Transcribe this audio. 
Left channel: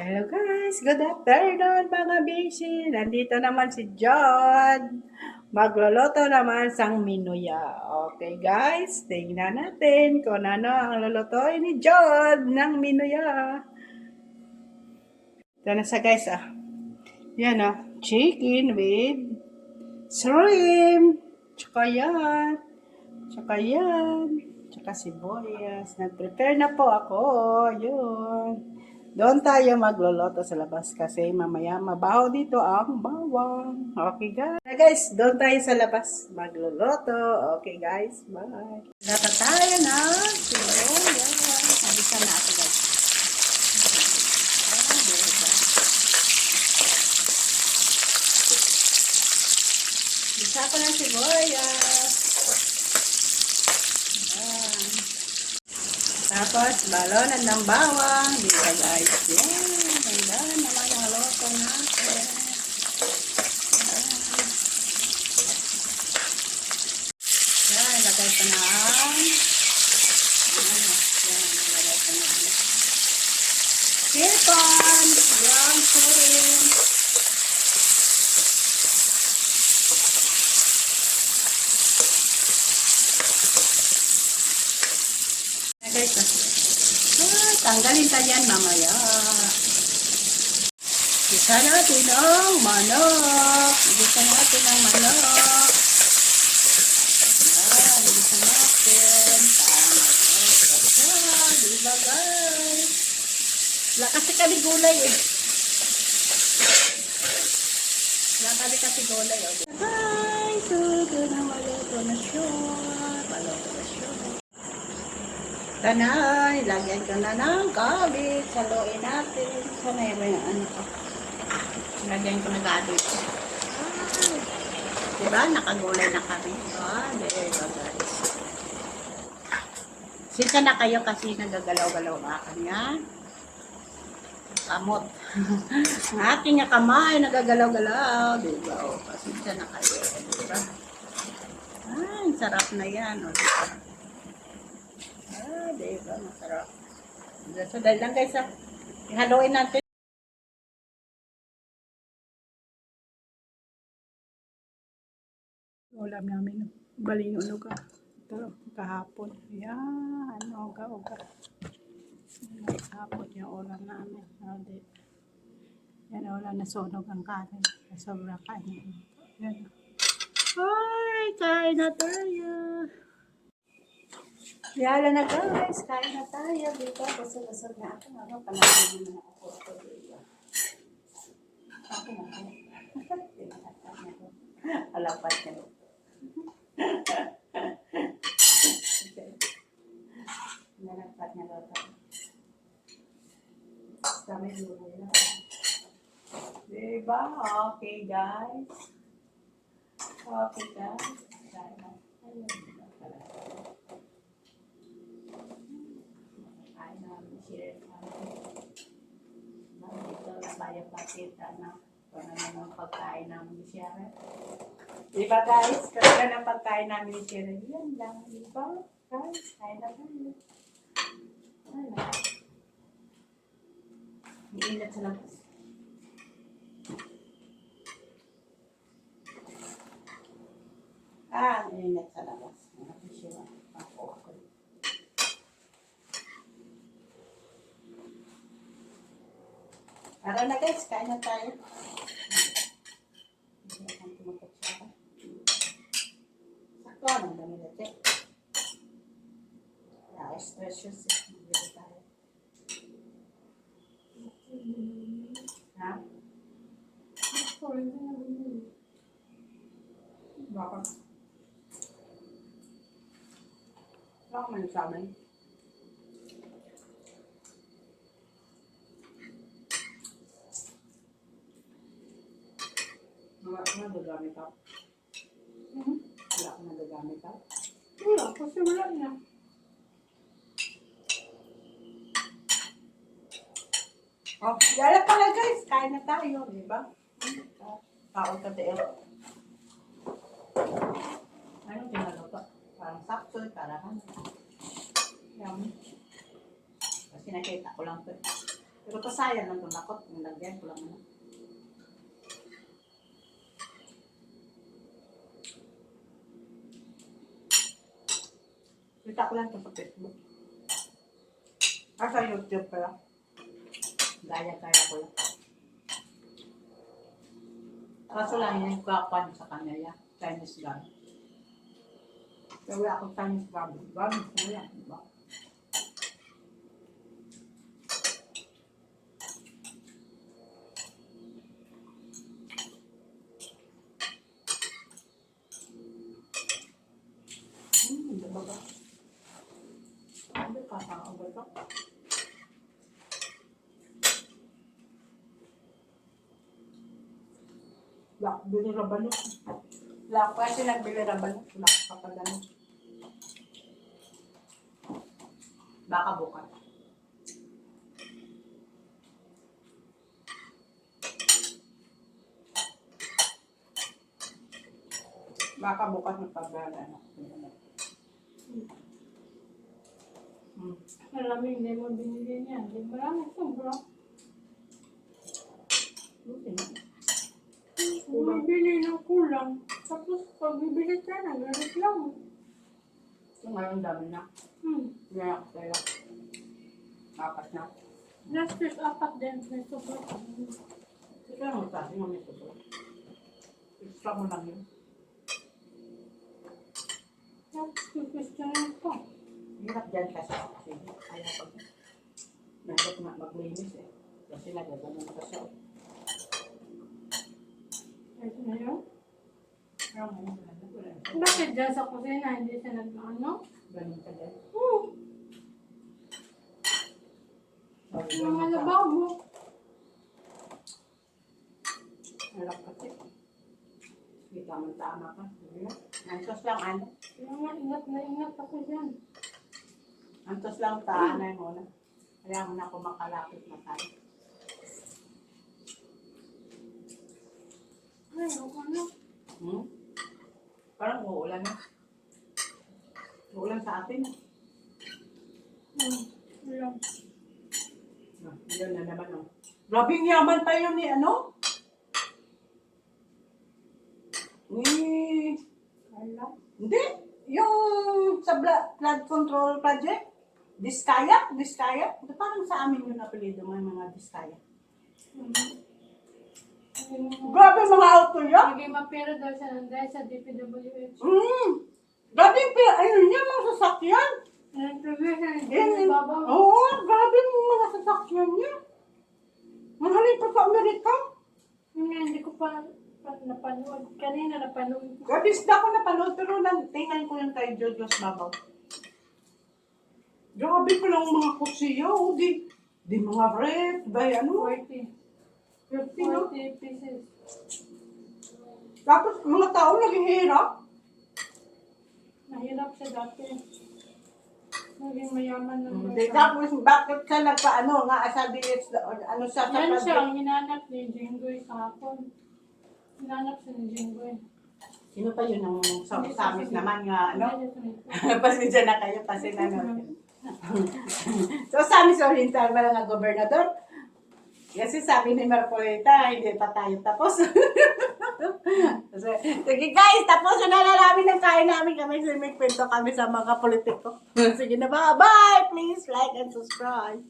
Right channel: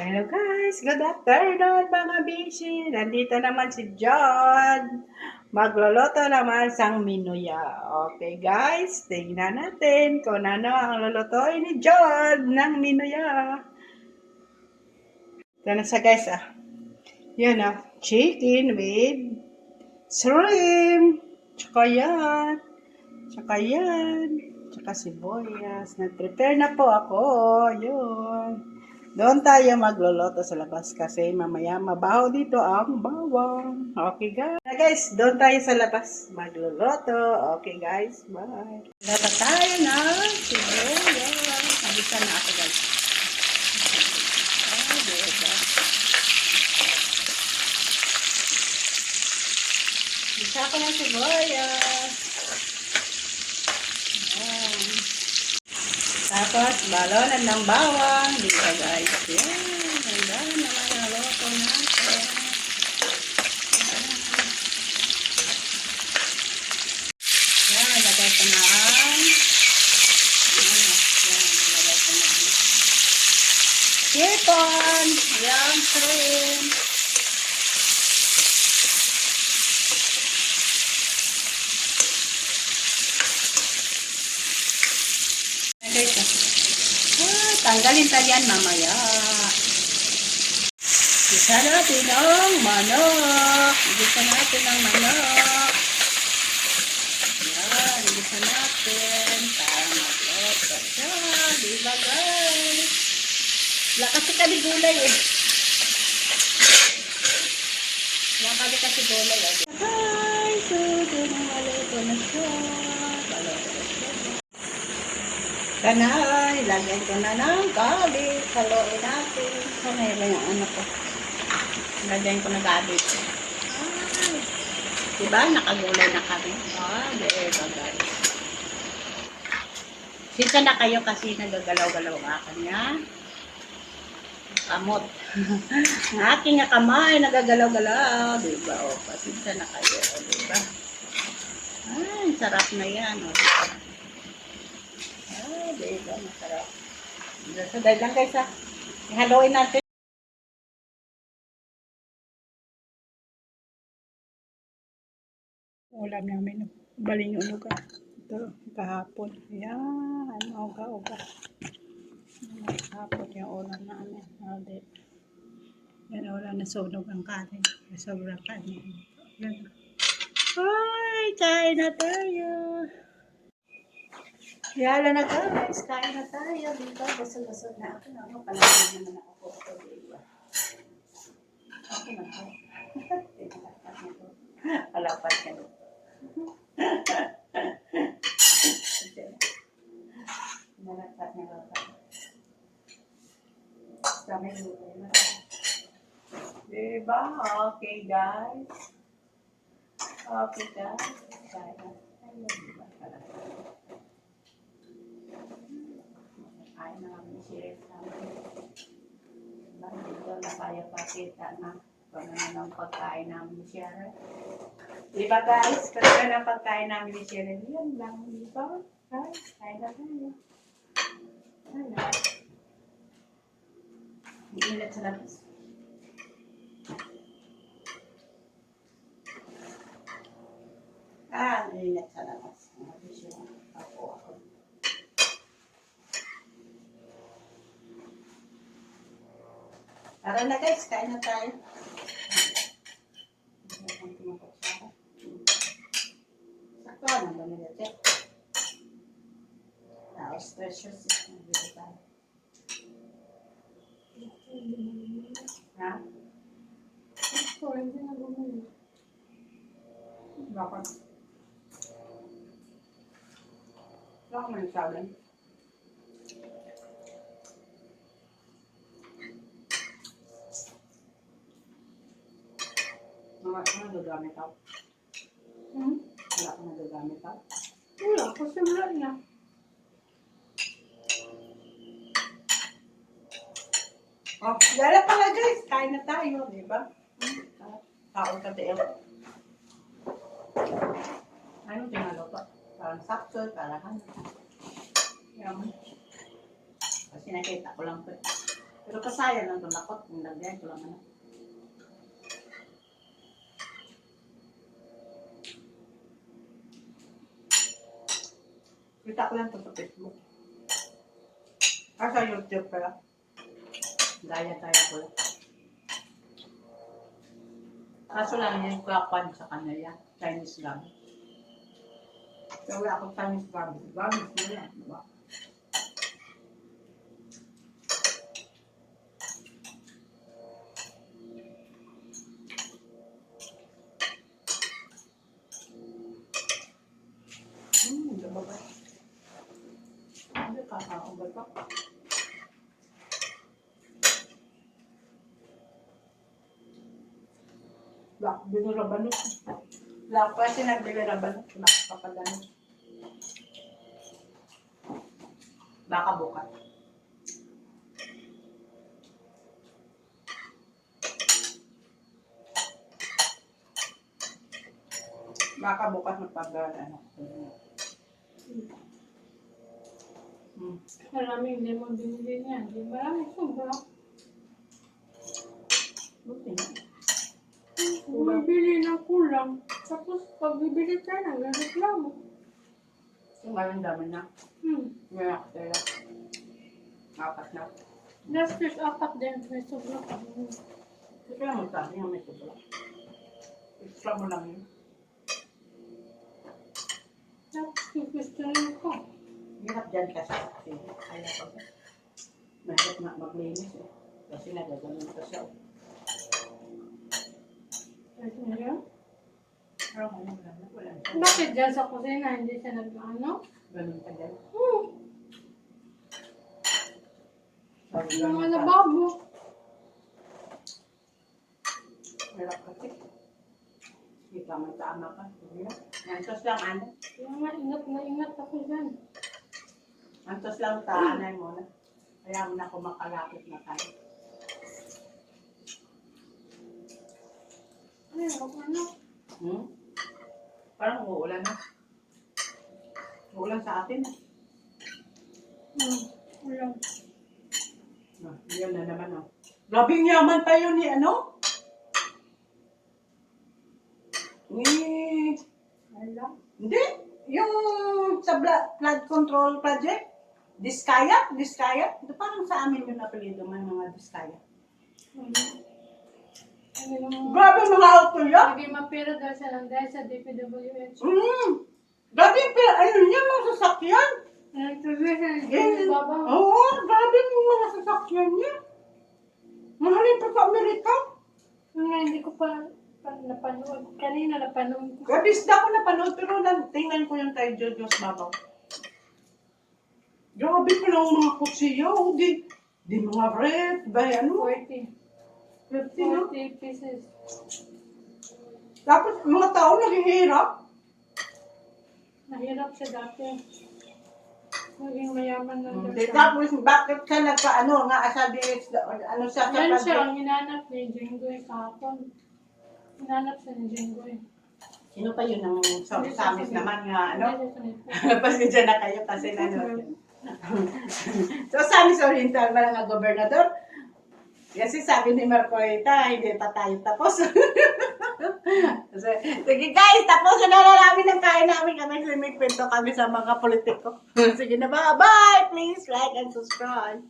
Hello guys, good afternoon mga bishi. Nandito naman si John. Magluluto naman sang minuya. Okay guys, tingnan natin kung ano ang lulutuin ni John ng minuya. Ito na sa guys Yan chicken with shrimp. Tsaka yan. Tsaka yan. Tsaka sibuyas. Nag-prepare na po ako. Yun. Doon tayo magluluto sa labas kasi mamaya mabaho dito ang bawang. Okay guys, doon tayo sa labas magluluto. Okay guys, bye. Luto tayo na sibuyas. Nabisa na ako guys. Bisa ko ng sibuyas. Ayan. Tapos, balonan ng bawang. Dito guys. Yan. Ganda naman ang luto natin. Yan. Lagay ko na ang lagay ko na ang chicken. Yan. Shrimp. Tanggalin tayo yan mamaya. Isa natin ang manok. Isa natin ang manok. Yan, isa natin. Tama ito siya. Diba guys? Wala kasi kami gulay Wala kasi gulay Guys, so doon ang maluto na siya. Maluto na siya. Kanay, lagyan ko na ng cabbage. Haluin natin. Kanay lang yung ano ko. Lagyan ko na cabbage. Diba? Nakagulay na kami. Diba guys? Sinta na kayo kasi nagagalaw-galaw ang kanya. Kamot. Ang aking kamay nagagalaw-galaw. Diba? O, pasinta na kayo. Diba? Ay, sarap na yan. O, diba? Diba, masarap. So, dahil lang guys ihaluin natin. Ulam namin, baling unuga. Ito, kahapon. Yan, uga-uga. Kahapon yung ulam namin. Yan, ulam na sunog ang kanin. Sobrang kanin. Yan. Ay, kain na tayo. Yala na guys, kain na tayo. Dito, busog-busog na ako. Ano, palagay naman ako. Okay na po. Alapat ka doon. Nalapat na lapat. Dami gulay na. Diba? Okay guys. Okay guys. Kain na tayo. Dito na kaya pakita na kung ano ng pagkain namin ni Sharon. Diba guys? Kung ano ng pagkain namin ni Sharon. Yan lang. Diba? Guys, kain na tayo. Ano? Iingat sa labas. Iingat sa labas. Ako. Tara na guys, kain na tayo. Sakto na ba nilate? Tapos precious. Nandito tayo. Ha? Sakto, hindi na bumili. Bakit? Wala ko man sabi. Wala ko nagagamit ako. Wala ko nagagamit ako. Wala, kasi wala niya. Oh, yala pala guys, kain na tayo, di ba? Taon ka tayo. Anong pinaluto? Parang sakto, parang ano. Yan. Kasi nakita ko lang ito. Pero kasaya lang itong lakot. Yung lagyan ko lang ano. Kita ko lang ito sa Facebook. Sa YouTube pala. Gaya-gaya ko lang. Kaso lang yung kapan sa kanya yan. Chinese gum. Kaya wala akong Chinese gum. Gum mo yan, di ba? Di ba ba? Hindi kakaabay ka. Wala, binirabanok. Wala ko kasi nagbigirabanok. Wala ko papadanok. Baka bukas. Baka bukas magpag-ano. Maraming lemon binili niya. Maraming sobra. Buti na. Bumibili ng kulang. Tapos pag bibili ka na, ganit lang. Yung ngayon dami na. Ngayon ako tayo. Apat na. Last year's apat din. May sobra pa. Kasi lang magsabi nga may sobra. Extra mo lang yun. Tapos kukustahin ko. Hirap dyan kasi. Ayaw pag mahirap na maglinis eh. Kasi nagaganon kasi ako. Kahit ngayon. Pero ngayon wala na. Wala na. Bakit dyan sa kusina hindi siya nag-ano? Ganun ka dyan. Yung mga lababo. Hirap kasi. Hindi ka man tama ka. Antos lang ano. Kaya nga, ingat na ingat ako dyan. Antos lang taanay mo na. Kaya mo na ako makalapit na tayo. Ay, ano? Parang uulan na. Uulan sa atin. Wala. Yun na naman oh. Grabing yaman pa yun ni ano? Wala. Hindi. Yung sa flood control project. Diskaya? Diskaya? Ito parang sa amin yung apelido may mga Diskaya. Grabe mga auto yan. Lagi mapira daw siya ng dahil sa DPWH. Grabe pero ayun yan mga sasakyan. Baba. Oo, grabe yung mga sasakyan niya. Mahalin pa sa Amerika. Nga, hindi ko pa napanood. Kanina napanood ko. Grabe, isda ko napanood pero tingnan ko yung kay Jojo's Babaw. Grabe pa lang mga kutsiya. Oh, di mga ref. Dahil ano? 40. 50, no? 40 pieces. Tapos mga tao naghihirap. Mahirap siya dati. Naging mayaman na Hindi, siya. tapos bakit ka nagpa-ano nga sa DH, ano siya sa Yan siya, project? ang hinanap ni Jinggoy kahapon. Hinanap siya ni Jinggoy. Sino pa yun ang samis naman nga, ano? Hindi, sunod po. Pasensya na kayo kasi ano. So, Samis Oriental ba nga gobernador? Kasi sabi ni Marcolita, hindi pa tayo tapos. So, sige guys, tapos na namin ang kain namin kami. Simigpinto kami sa mga politiko. Sige na ba? Bye! Please like and subscribe.